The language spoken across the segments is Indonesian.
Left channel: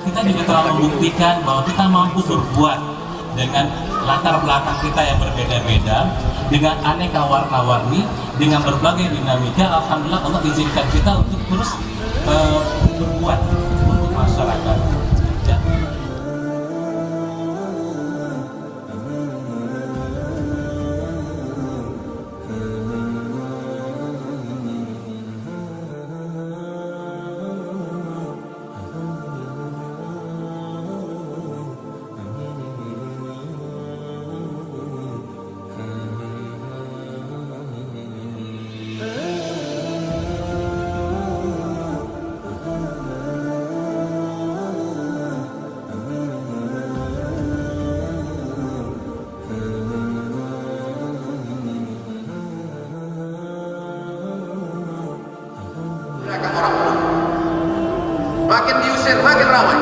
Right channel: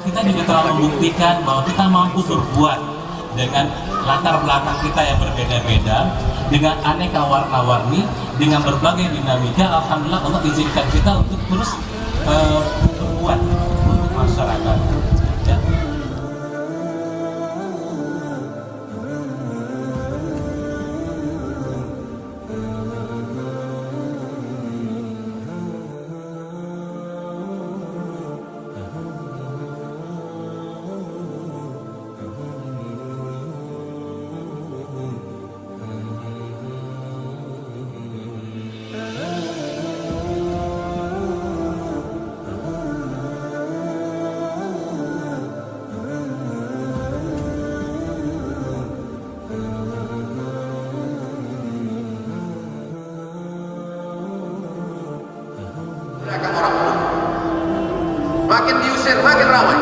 kita juga telah membuktikan bahwa kita mampu berbuat dengan latar belakang kita yang berbeda-beda, dengan aneka warna-warni, dengan berbagai dinamika. Alhamdulillah Allah izinkan kita untuk terus berbuat untuk masyarakat. Ya. Orang makin diusir makin ramai.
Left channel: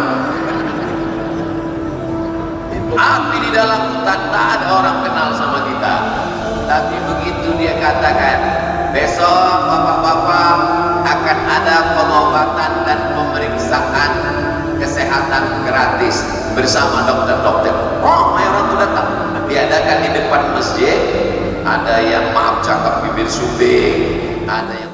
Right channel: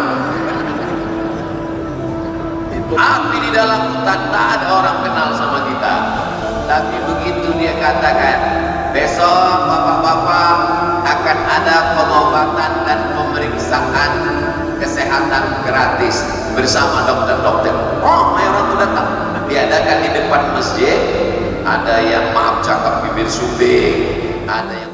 Api di dalam hutan tak ada orang kenal sama kita, tapi begitu dia katakan besok bapak-bapak akan ada pengobatan dan pemeriksaan kesehatan gratis bersama dokter-dokter. Oh, orang itu datang, diadakan di depan masjid. Ada yang maaf cakap bibir subing, ada yang